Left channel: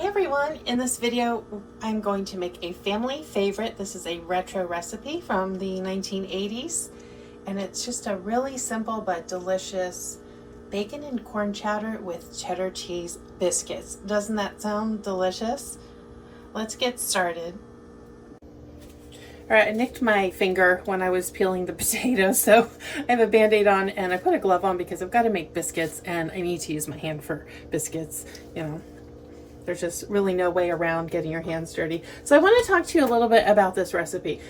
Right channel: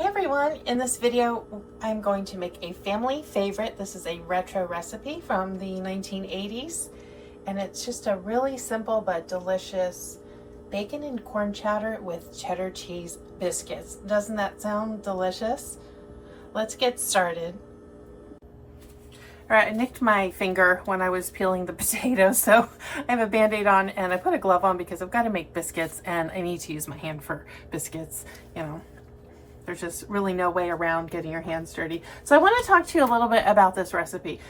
Hey everyone, in this video I'm going to make a family favorite. This is a retro recipe from the 1980s and it's just a really simple but delicious bacon and corn chowder with cheddar cheese biscuits. Doesn't that sound delicious? Let's get started. Alright, I nicked my finger when I was peeling the potatoes, so I have a band-aid on and I put a glove on because I've got to make biscuits and I need to use my hand for biscuits, you know. There's just really no way around getting your hands dirty. So I want to talk to you a little bit about this recipe.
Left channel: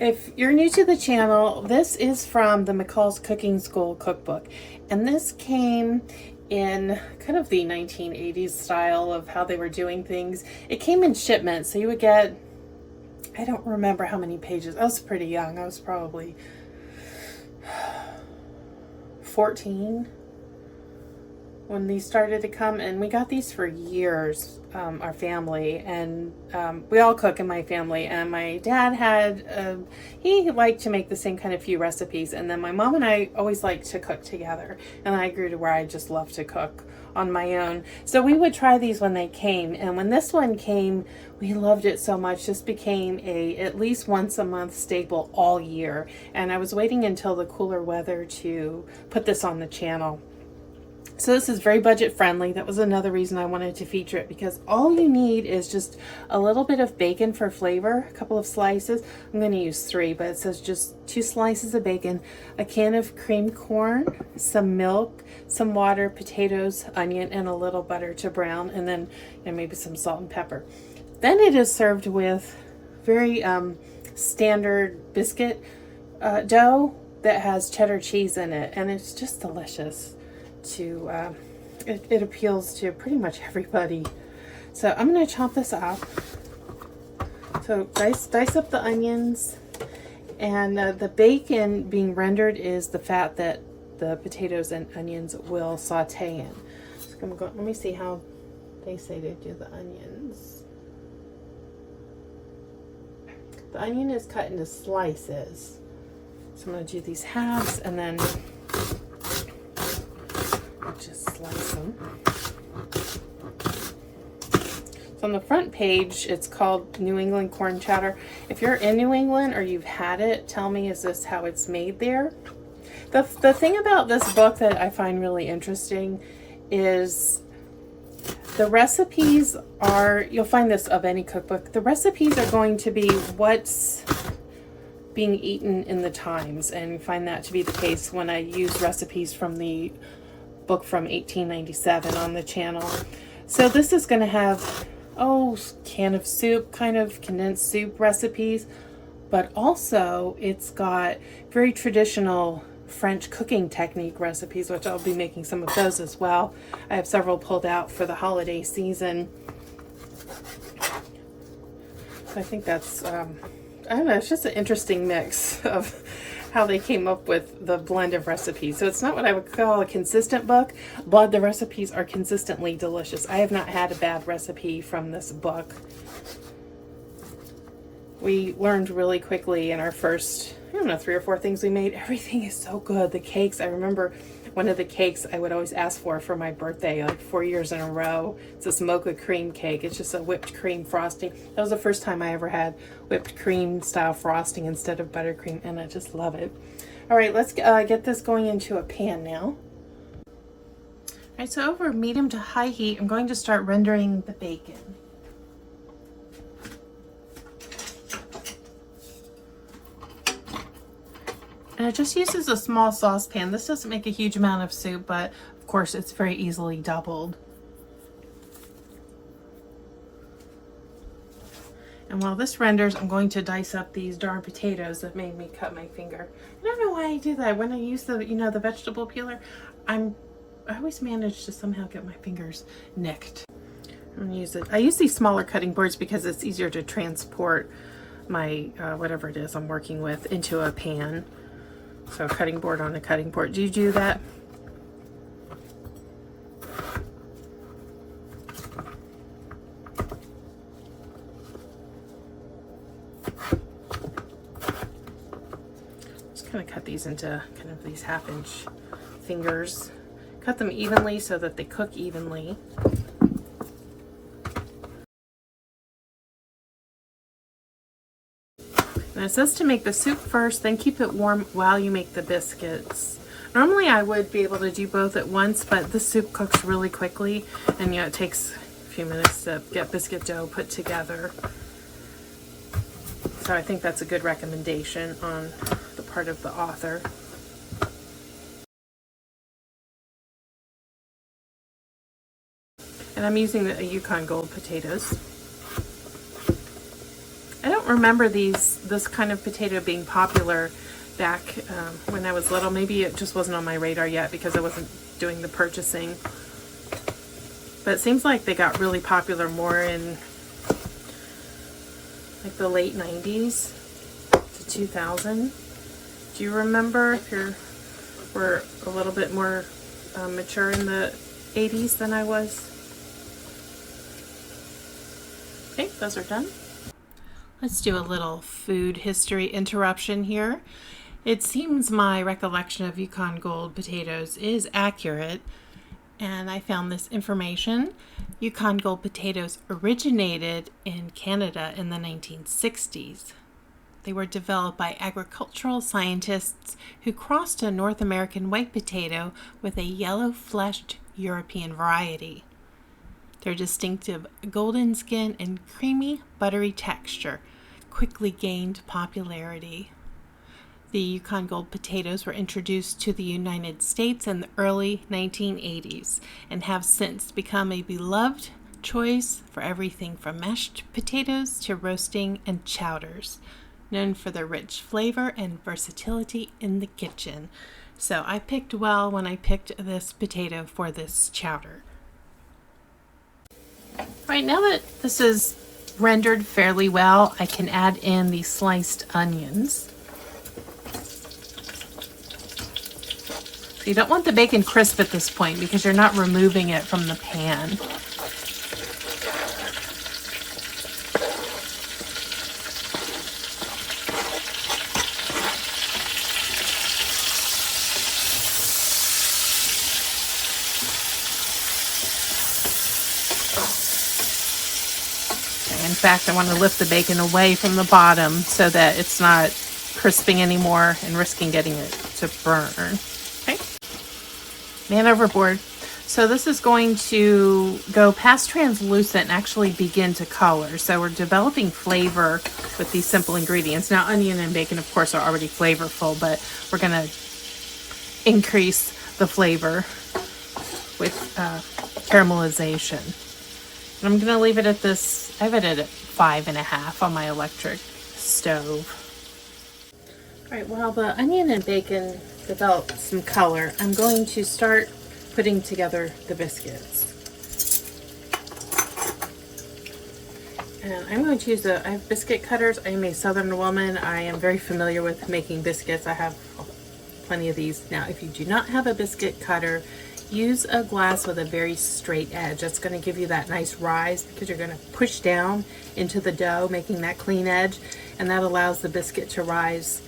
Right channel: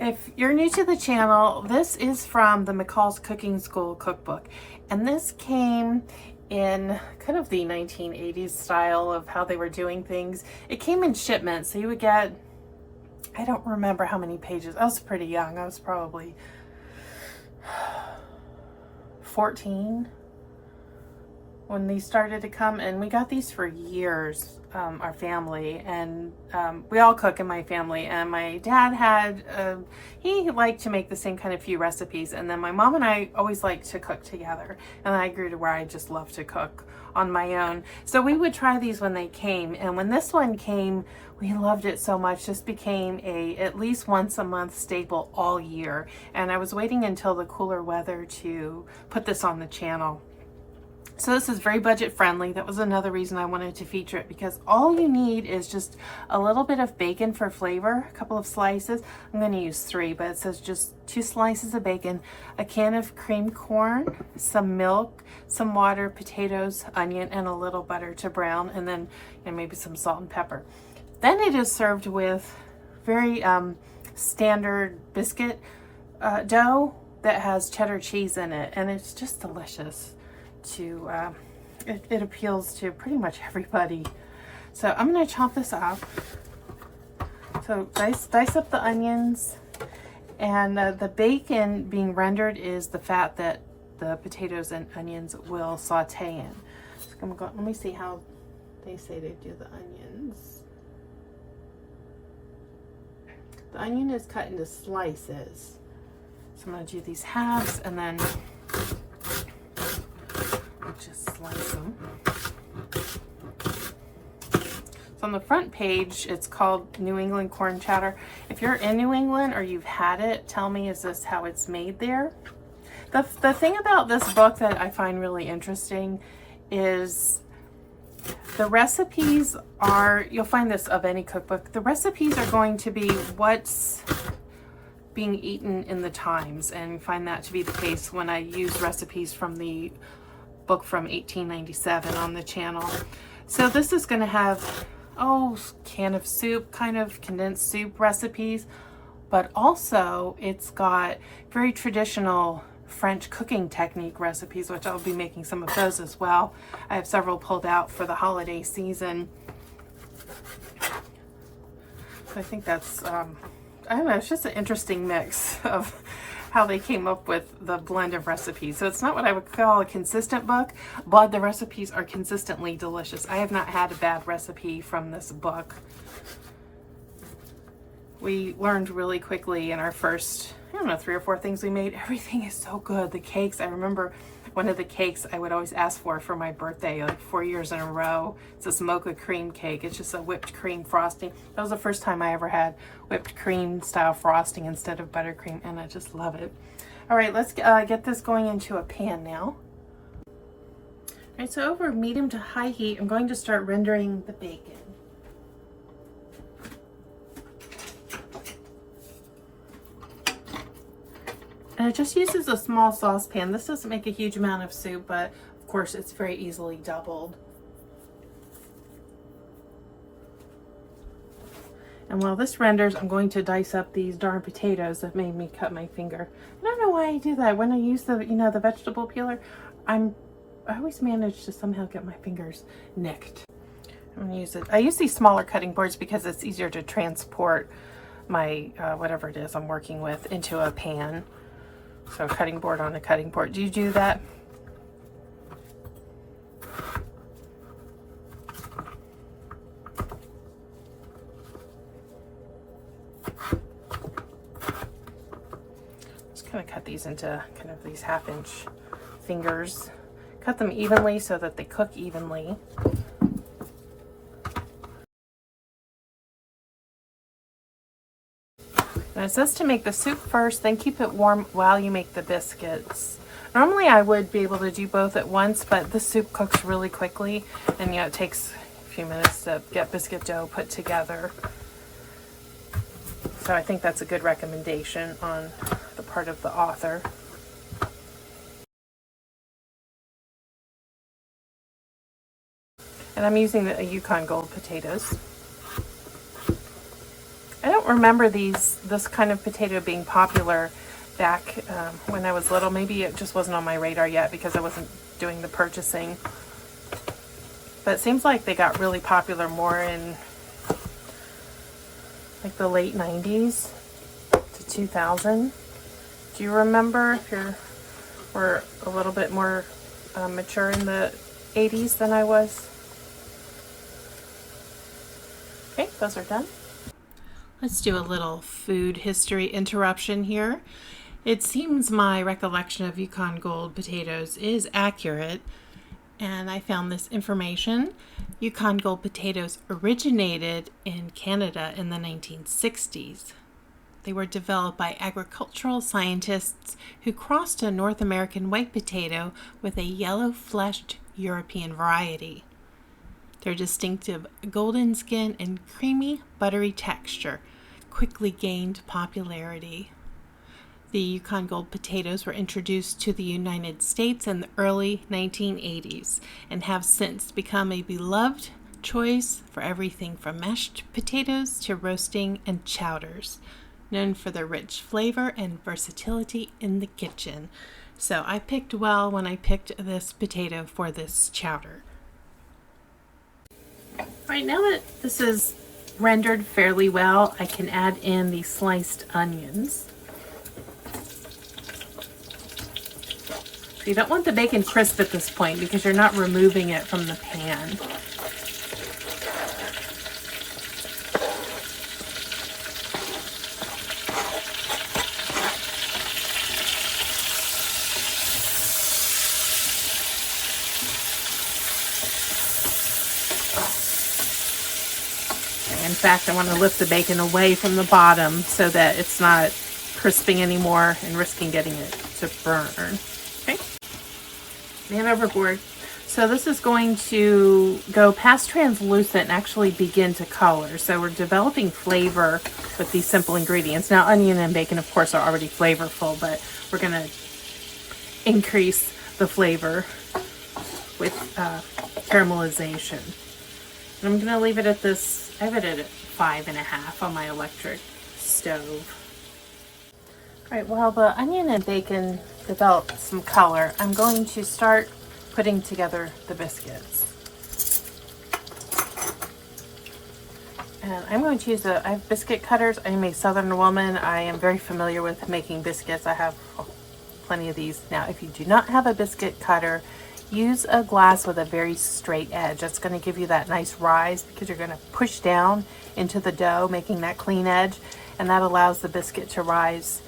If you're new to the channel, this is from the McCall's Cooking School cookbook. And this came in kind of the 1980s style of how they were doing things. It came in shipments, so you would get, I don't remember how many pages. I was pretty young. I was probably 14 when these started to come, and we got these for years, our family, and we all cook in my family, and my dad had he liked to make the same kind of few recipes, and then my mom and I always liked to cook together, and I grew to where I just love to cook on my own. So we would try these when they came, and when this one came, we loved it so much. This became a at least once a month staple all year, and I was waiting until the cooler weather to put this on the channel. So this is very budget friendly. That was another reason I wanted to feature it, because all you need is just a little bit of bacon for flavor, a couple of slices. I'm going to use 3, but it says just 2 slices of bacon, a can of creamed corn, some milk, some water, potatoes, onion, and a little butter to brown, and then maybe some salt and pepper. Then it is served with very standard biscuit dough that has cheddar cheese in it, and it's just delicious. It appeals to pretty much everybody. So I'm going to chop this up. So dice up the onions, and the bacon being rendered is the fat that the potatoes and onions will saute in. So I'm going, let me see how they say to do the onions. The onion is cut into slices. So I'm going to do these halves and then just slice them. So on the front page, it's called New England Corn Chowder. If you're in New England or you've had it, tell me, is this how it's made there? The thing about this book that I find really interesting is the recipes are, you'll find this of any cookbook, the recipes are going to be what's being eaten in the times, and find that to be the case when I use recipes from the book from 1897 on the channel. So this is going to have can of soup, kind of condensed soup recipes, but also it's got very traditional French cooking technique recipes, which I'll be making some of those as well. I have several pulled out for the holiday season. So I think that's I don't know, it's just an interesting mix of how they came up with the blend of recipes. So it's not what I would call a consistent book, but the recipes are consistently delicious. I have not had a bad recipe from this book. We learned really quickly in our first, I don't know, 3 or 4 things we made. Everything is so good. The cakes, I remember one of the cakes I would always ask for my birthday, like 4 years in a row. It's this mocha cream cake. It's just a whipped cream frosting. That was the first time I ever had whipped cream style frosting instead of buttercream, and I just love it. All right, let's get this going into a pan now. All right, so over medium to high heat, I'm going to start rendering the bacon. And it just uses a small saucepan. This doesn't make a huge amount of soup, but of course it's very easily doubled. And while this renders, I'm going to dice up these darn potatoes that made me cut my finger. I don't know why I do that. When I use the, the vegetable peeler, I always manage to somehow get my fingers nicked. I'm gonna use it. I use these smaller cutting boards because it's easier to transport my whatever it is I'm working with into a pan. So cutting board on a cutting board. Do you do that? Just kind of cut these into kind of these 1/2-inch fingers. Cut them evenly so that they cook evenly. Now it says to make the soup first, then keep it warm while you make the biscuits. Normally I would be able to do both at once, but the soup cooks really quickly, and it takes a few minutes to get biscuit dough put together. So I think that's a good recommendation on the part of the author. And I'm using a Yukon Gold potatoes. I don't remember this kind of potato being popular back when I was little. Maybe it just wasn't on my radar yet because I wasn't doing the purchasing. But it seems like they got really popular more in like the late 90s to 2000. Do you remember if you were a little bit more mature in the 80s than I was? Okay, those are done. Let's do a little food history interruption here. It seems my recollection of Yukon Gold potatoes is accurate, and I found this information. Yukon Gold potatoes originated in Canada in the 1960s. They were developed by agricultural scientists who crossed a North American white potato with a yellow-fleshed European variety. Their distinctive golden skin and creamy, buttery texture quickly gained popularity. The Yukon Gold potatoes were introduced to the United States in the early 1980s and have since become a beloved choice for everything from mashed potatoes to roasting and chowders, known for their rich flavor and versatility in the kitchen. So I picked well when I picked this potato for this chowder. All right, now that this is rendered fairly well, I can add in the sliced onions. So you don't want the bacon crisp at this point because you're not removing it from the pan. In fact, I want to lift the bacon away from the bottom so that it's not crisping anymore and risking getting it to burn. Okay. Man overboard. So this is going to go past translucent and actually begin to color. So we're developing flavor with these simple ingredients. Now, onion and bacon, of course, are already flavorful, but we're going to increase the flavor with caramelization. I'm going to leave it at this. I have it at 5.5 on my electric stove. All right, while the onion and bacon develop some color, I'm going to start putting together the biscuits. And I'm going to use I have biscuit cutters. I'm a Southern woman. I am very familiar with making biscuits. I have plenty of these. Now, if you do not have a biscuit cutter, use a glass with a very straight edge. It's going to give you that nice rise because you're going to push down into the dough, making that clean edge, and that allows the biscuit to rise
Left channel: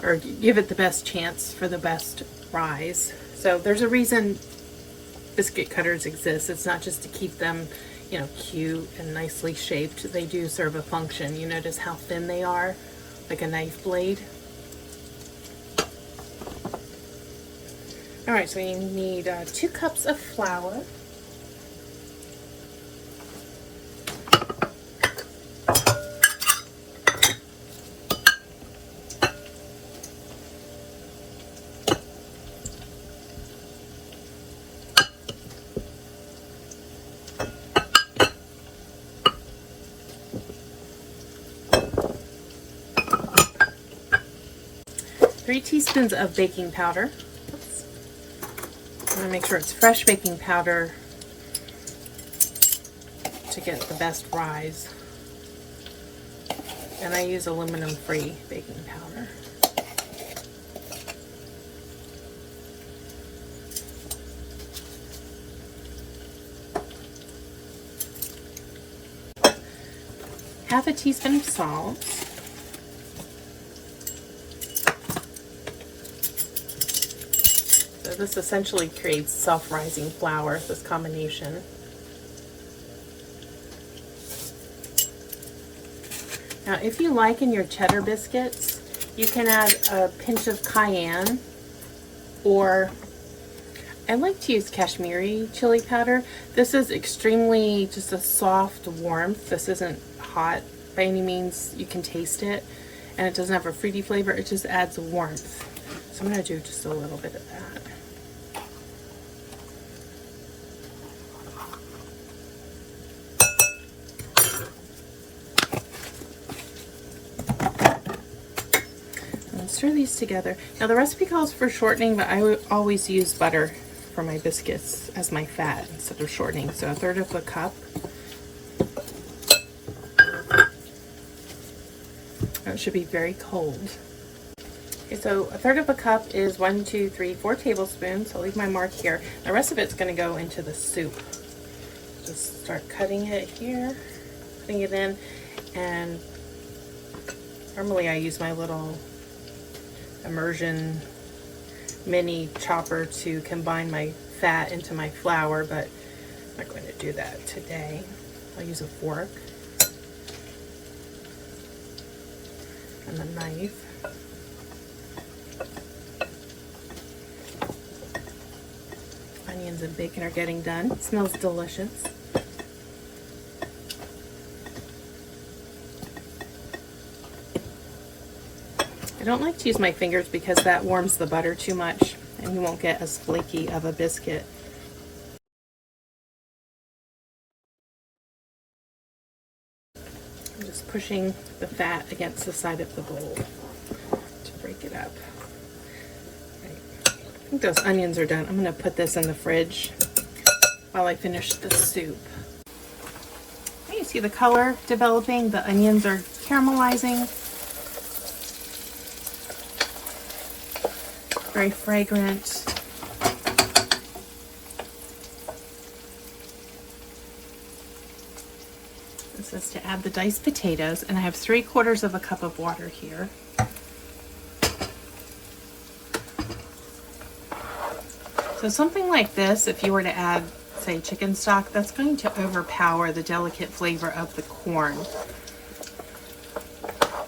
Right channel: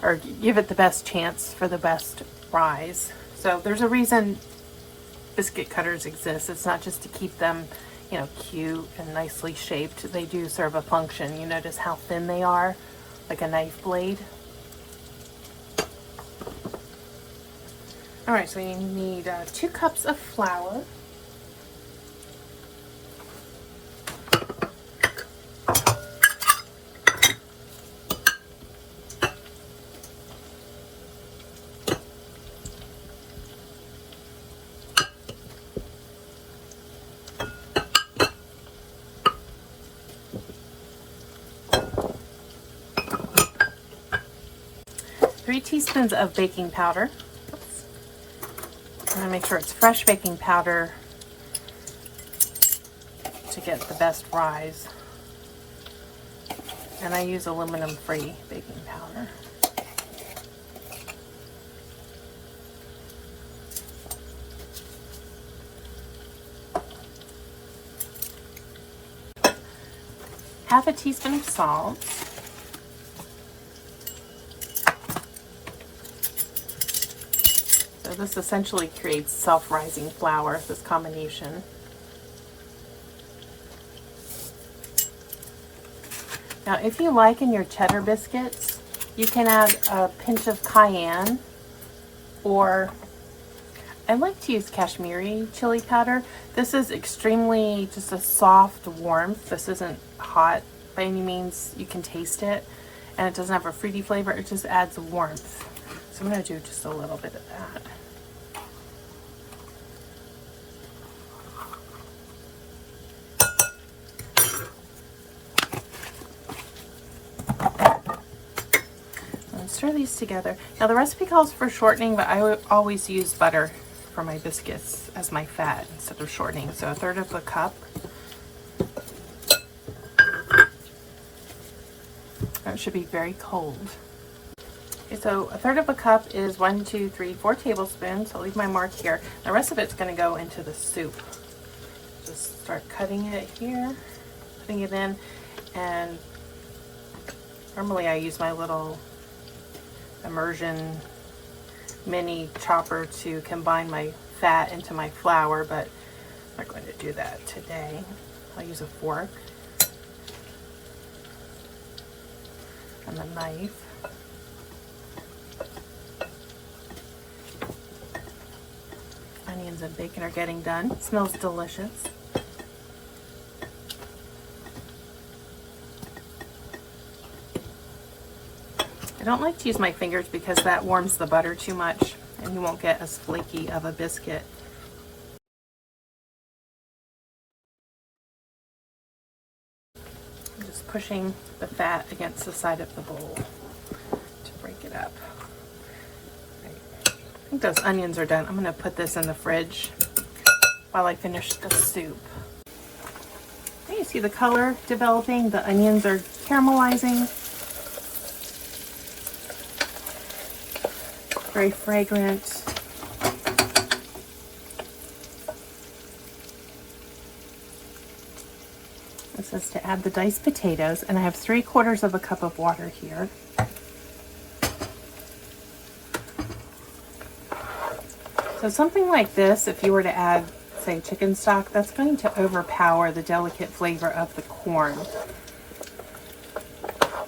or give it the best chance for the best rise. So there's a reason biscuit cutters exist. It's not just to keep them, cute and nicely shaped. They do serve a function. You notice how thin they are, like a knife blade. All right, so you need 2 cups of flour. Three teaspoons of baking powder. I'm going to make sure it's fresh baking powder to get the best rise. And I use aluminum-free baking powder. Half a teaspoon of salt. This essentially creates self-rising flour, this combination. Now Now, if you like in your cheddar biscuits, you can add a pinch of cayenne, or I like to use Kashmiri chili powder. This is extremely just a soft warmth. This isn't hot by any means. You can taste it, and it doesn't have a fruity flavor. It just adds warmth. So I'm going to do just a little bit of that. Stir these together. Now the recipe calls for shortening, but I would always use butter for my biscuits as my fat instead of shortening. So 1/3 cup. It should be very cold. Okay, so 1/3 cup is 1, 2, 3, 4 tablespoons. I'll leave my mark here. The rest of it's going to go into the soup. Just start cutting it here, putting it in, and normally I use my little immersion mini chopper to combine my fat into my flour, but I'm not going to do that today. I'll use a fork and a knife. Onions and bacon are getting done. It smells delicious. I don't like to use my fingers because that warms the butter too much and you won't get as flaky of a biscuit. I'm just pushing the fat against the side of the bowl to break it up. I think those onions are done. I'm going to put this in the fridge while I finish the soup. Okay, you see the color developing? The onions are caramelizing. Very fragrant. This is to add the diced potatoes, and I have 3/4 cup of water here. So something like this, if you were to add, say, chicken stock, that's going to overpower the delicate flavor of the corn.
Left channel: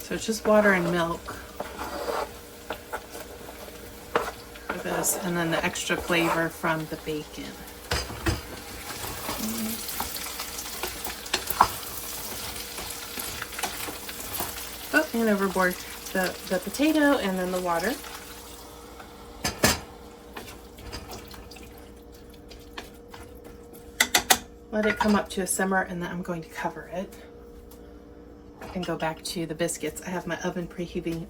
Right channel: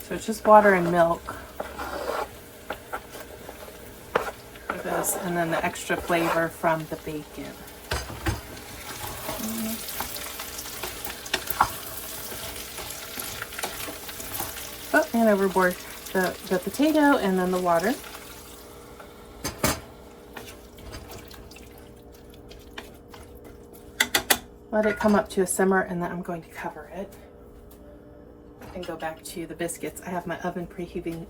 So it's just water and milk. This, and then the extra flavor from the bacon. Oh, and overboard the potato and then the water. Let it come up to a simmer, and then I'm going to cover it. I can go back to the biscuits. I have my oven preheating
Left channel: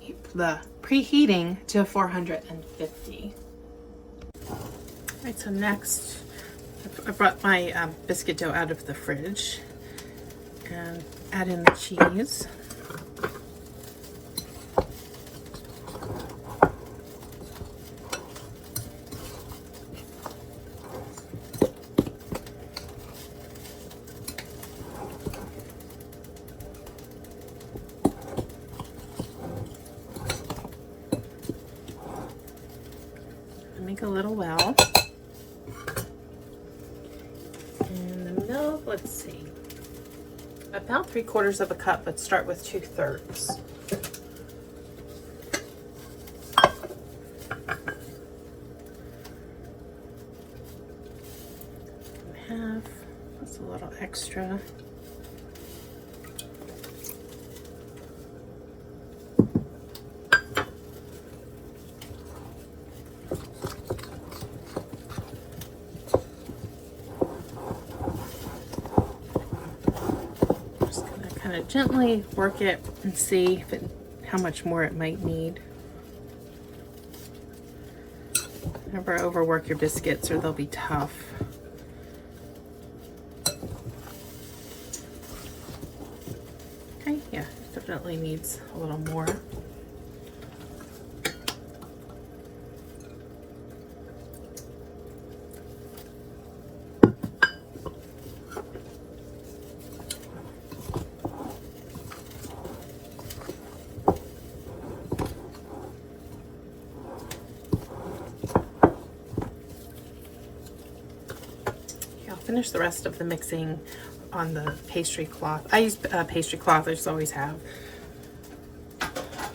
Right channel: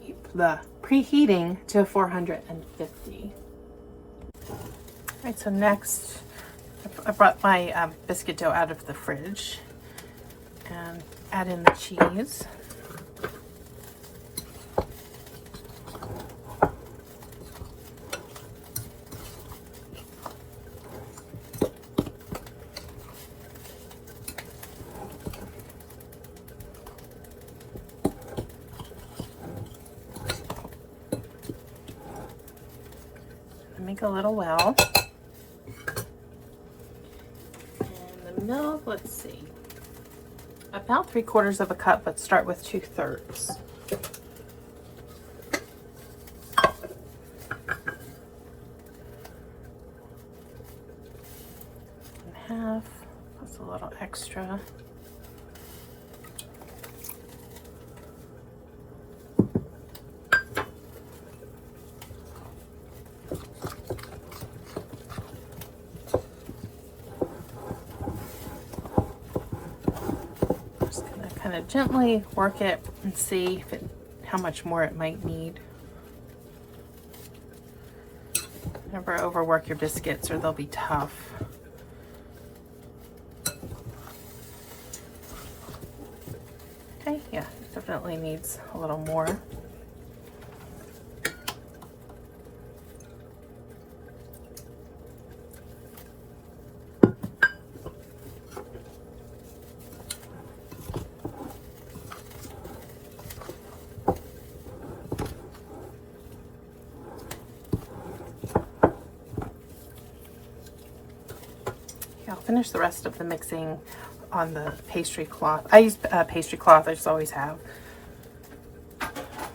to 450. Alright, so next I brought my biscuit dough out of the fridge and add in the cheese. Make a little well. And the milk, let's see, about 3/4 cup. Let's start with 2/3. Half, that's a little extra. Gently work it and see how much more it might need. Never overwork your biscuits or they'll be tough. Okay, yeah, definitely needs a little more. I'll finish the rest of the mixing on the pastry cloth. I use pastry cloth, I just always have.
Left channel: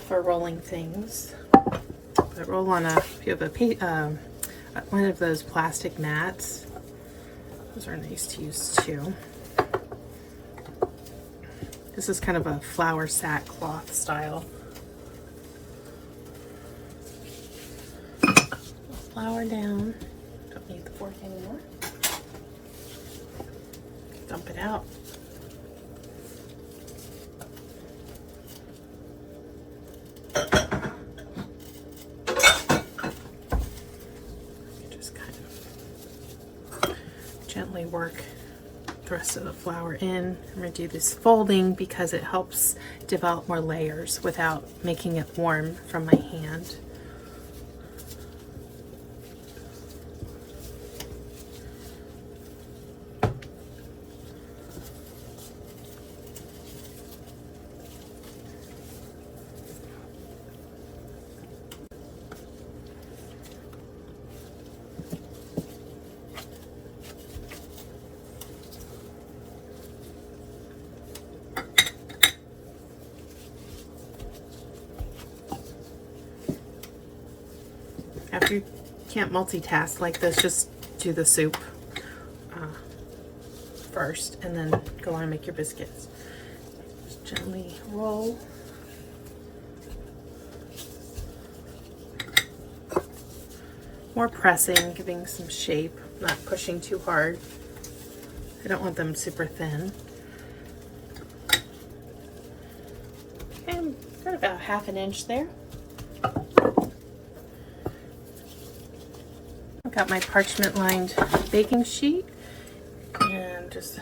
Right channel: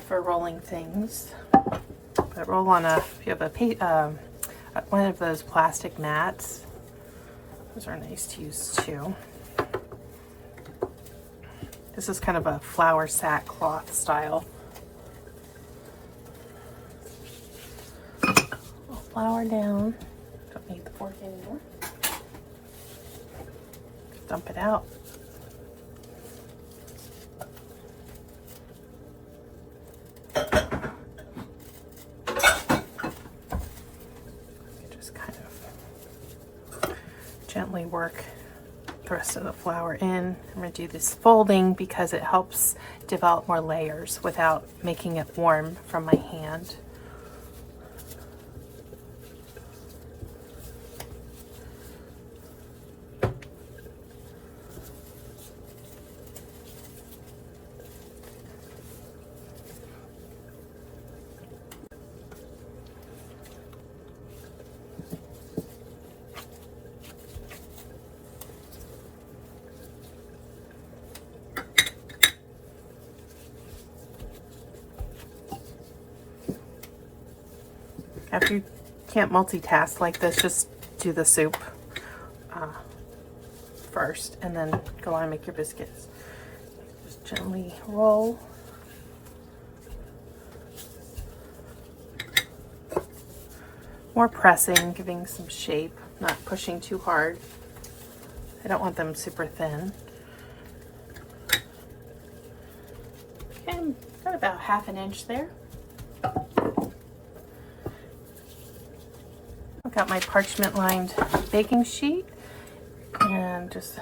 for rolling things. But roll on if you have one of those plastic mats. Those are nice to use too. This is kind of a flour sackcloth style. Flour down. Don't need the fork anymore. Dump it out. Just kind of gently work the rest of the flour in. I'm going to do this folding because it helps develop more layers without making it warm from my hand. If you can't multitask like this, just do the soup first and then go on and make your biscuits. Just gently roll. More pressing, giving some shape, not pushing too hard. I don't want them super thin. And got about 1/2 inch there. I've got my parchment lined baking sheet and just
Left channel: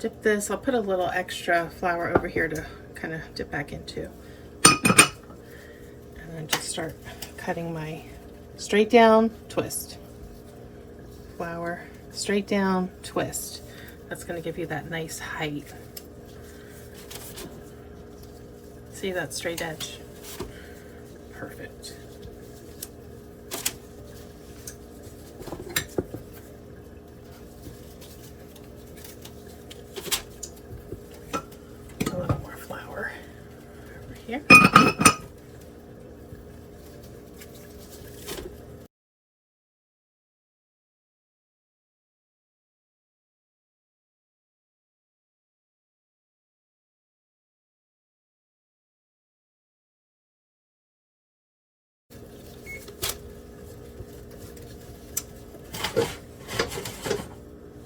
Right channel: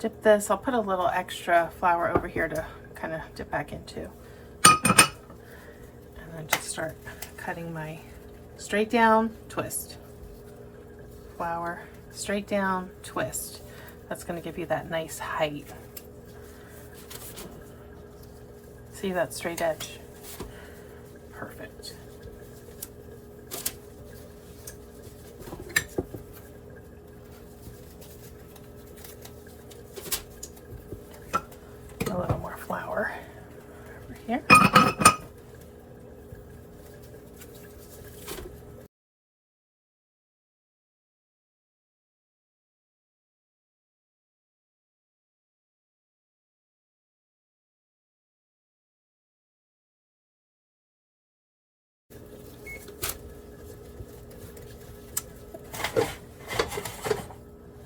dip this. I'll put a little extra flour over here to kind of dip back into. And then just start cutting my straight down, twist. Flour, straight down, twist. That's going to give you that nice height. See that straight edge? Perfect. A little more flour over here.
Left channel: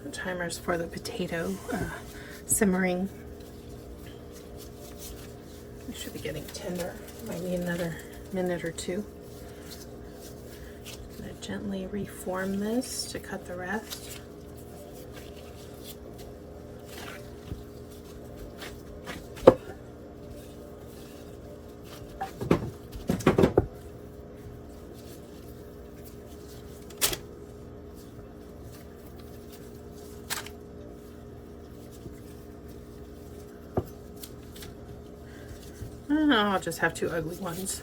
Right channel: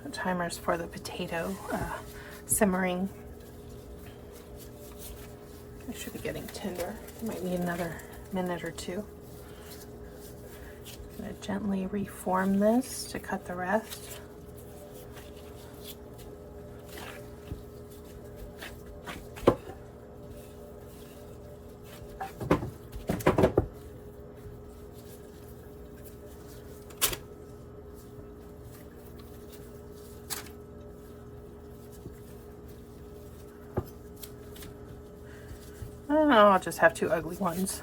The timer's for the potato simmering. It should be getting tender, maybe another minute or two. I'm going to gently reform this to cut the rest. Oh, I'll just have 2 ugly ones.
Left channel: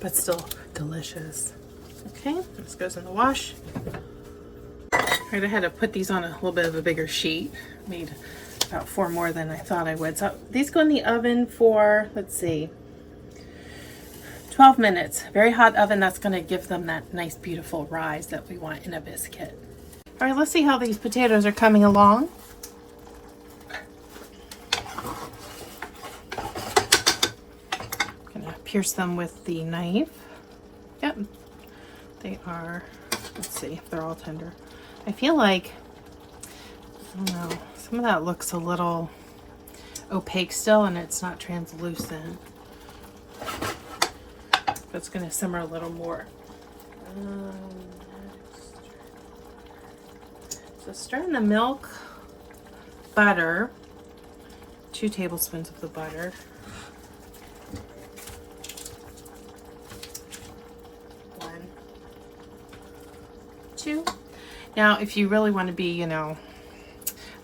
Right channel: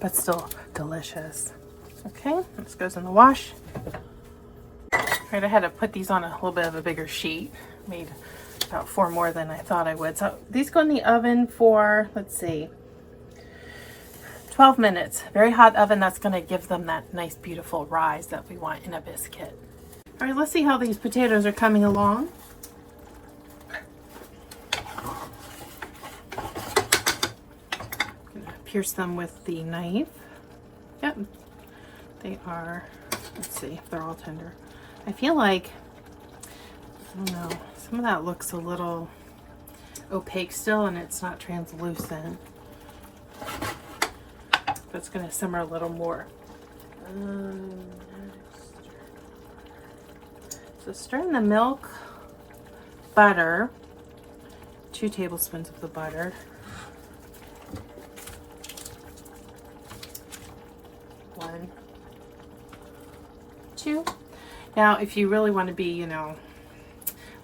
But still delicious. Okay, this goes in the wash. Right, I had to put these on a little bit of a bigger sheet. Made about 4 more than I thought I would. So these go in the oven for, let's see, 12 minutes. Very hot oven. That's going to give them that nice, beautiful rise that we want in a biscuit. All right, let's see how these potatoes are coming along. I'm going to pierce them with the knife. Yep, they are. Let's see if they're all tender. I feel like, I don't know, some of that looks a little opaque still and it's not translucent. That's going to simmer a little more. So stir in the milk, butter, 2 tablespoons of the butter. 1, 2. Now, if you really want to be, you know,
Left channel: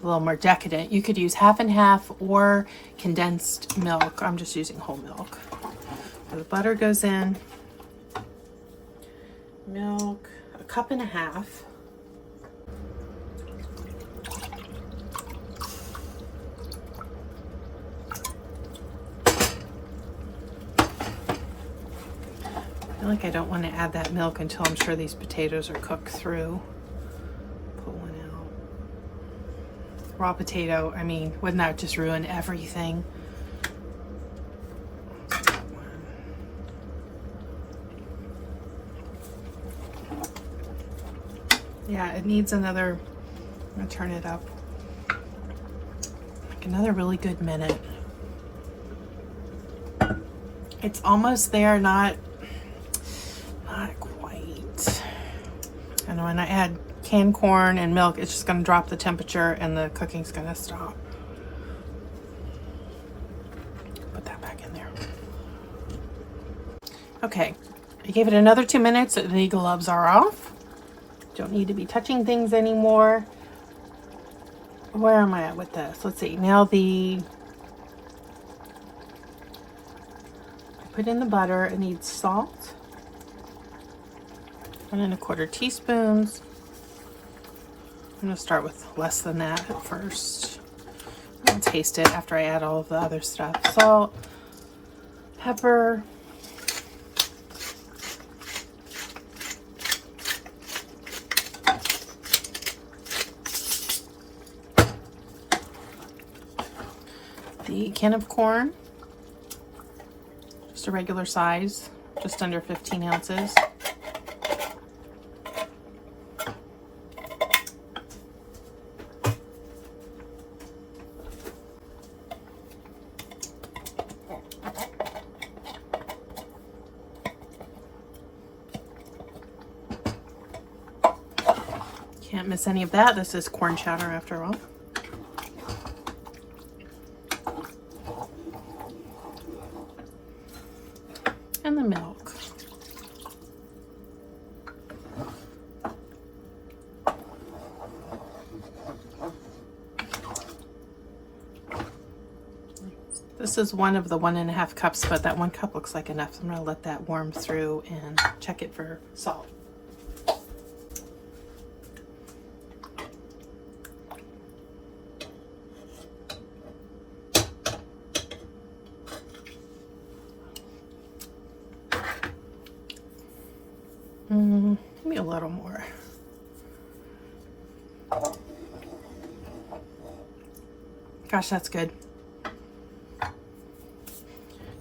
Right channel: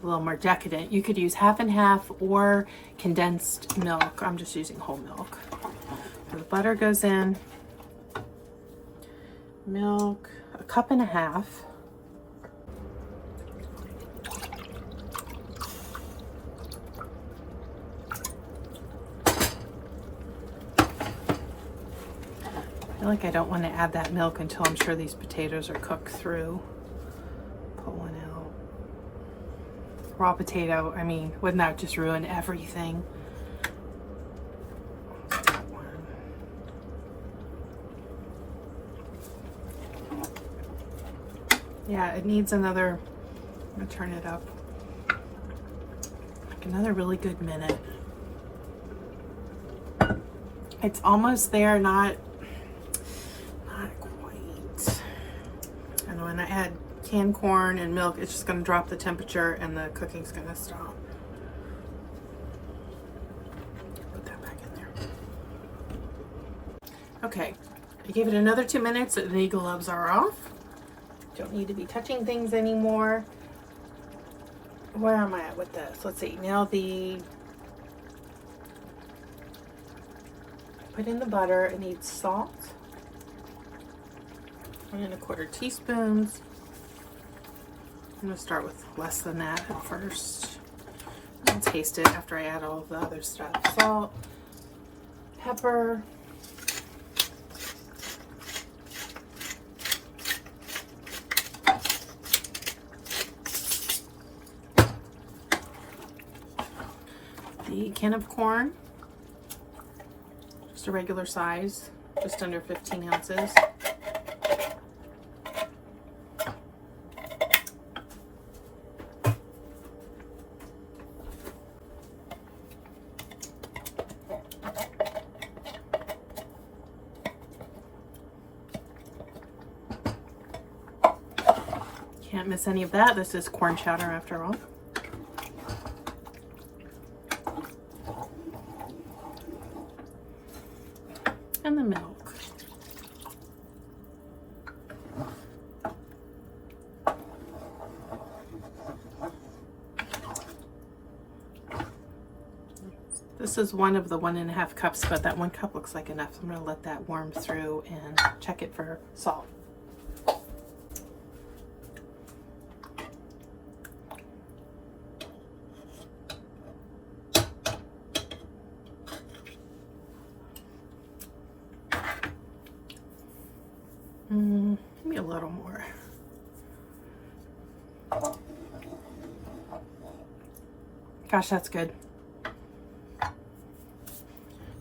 a little more decadent, you could use 1/2 and 1/2 or condensed milk. I'm just using whole milk. The butter goes in, milk, 1.5 cups. like I don't want to add that milk until I'm sure these potatoes are cooked through. Pulling out. Raw potato, I mean, wouldn't that just ruin everything? That one. Yeah, it needs another, I'm gonna turn it up. Like another really good minute. It's almost there, not quite. And when I add canned corn and milk, it's just gonna drop the temperature and the cooking's gonna stop. Put that back in there. Okay, I gave it another 2 minutes. The gloves are off. Don't need to be touching things anymore. Where am I at with this? Let's see. Now put in the butter. It needs salt. 1 1/4 teaspoons. I'm going to start with less than that first. I'll taste it after I add all of the other stuff. Salt, pepper, the can of corn, just a regular size, just under 15 ounces. Can't miss any of that. This is corn chowder after all. And the milk. This is one of the 1.5 cups, but that 1 cup looks like enough. So I'm going to let that warm through and check it for salt. Maybe a little more. Gosh, that's good.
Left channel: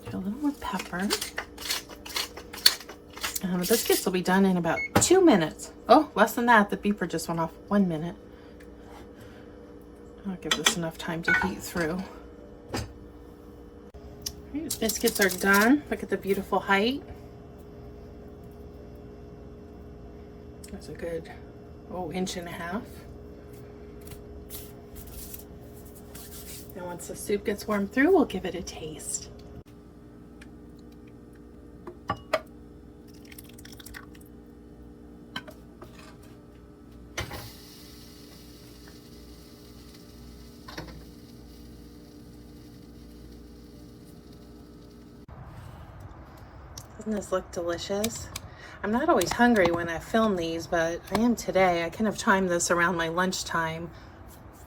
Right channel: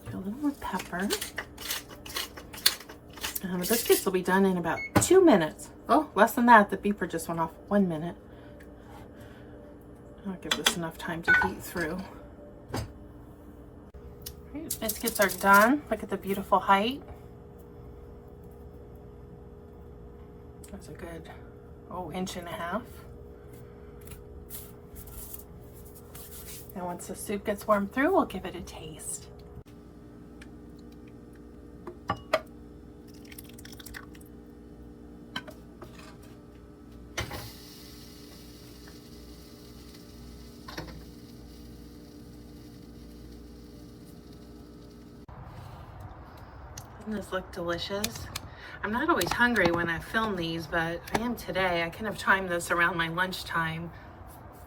Do a little more pepper. The biscuits will be done in about 2 minutes. Oh, less than that. The beeper just went off. 1 minute. I'll give this enough time to heat through. These biscuits are done. Look at the beautiful height. That's a good, 1.5 inches. And once the soup gets warmed through, we'll give it a taste. Doesn't this look delicious? I'm not always hungry when I film these, but I am today. I kind of timed this around my lunchtime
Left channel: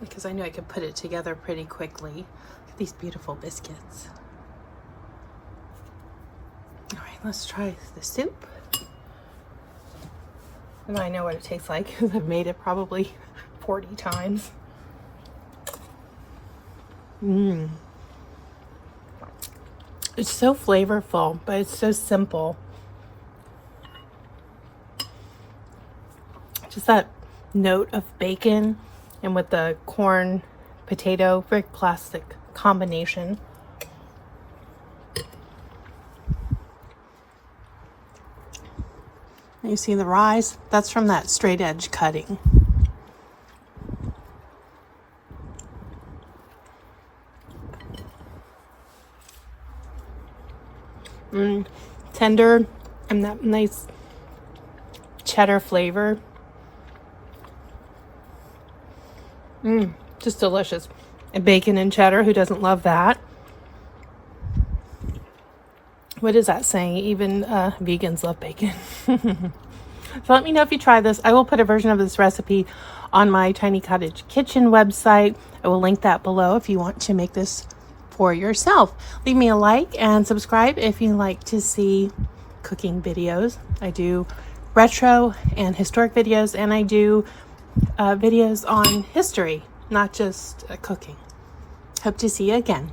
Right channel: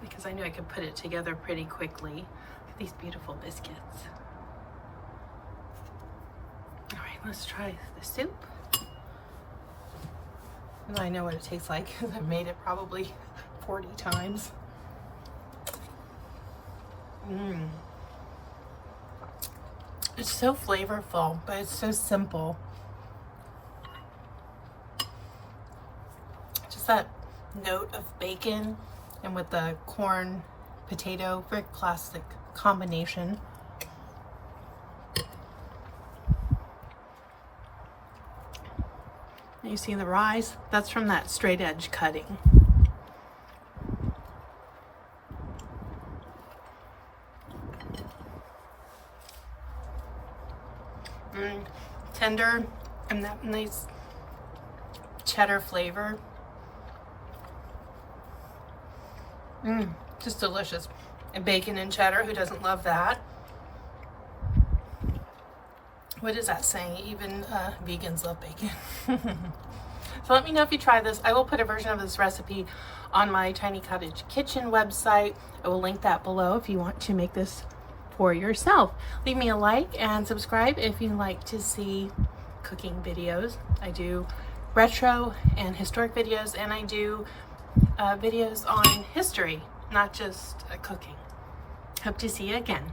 because I knew I could put it together pretty quickly. Look at these beautiful biscuits. All right, let's try the soup. And I know what it tastes like because I've made it probably 40 times. It's so flavorful, but it's so simple. Just that note of bacon and with the corn potato, very classic combination. And you see the rise? That's from that straight edge cutting. Tender and that nice cheddar flavor. Just delicious. And bacon and cheddar, who doesn't love that? What is that saying? Even vegans love bacon. So let me know if you try this. I will put a version of this recipe on my Tiny Cottage Kitchen website. I will link that below if you want to make this for yourself. Leave me a like and subscribe if you like to see cooking cooking videos. I do retro and historic videos, and I do videos on history, not just cooking. Hope to see you again.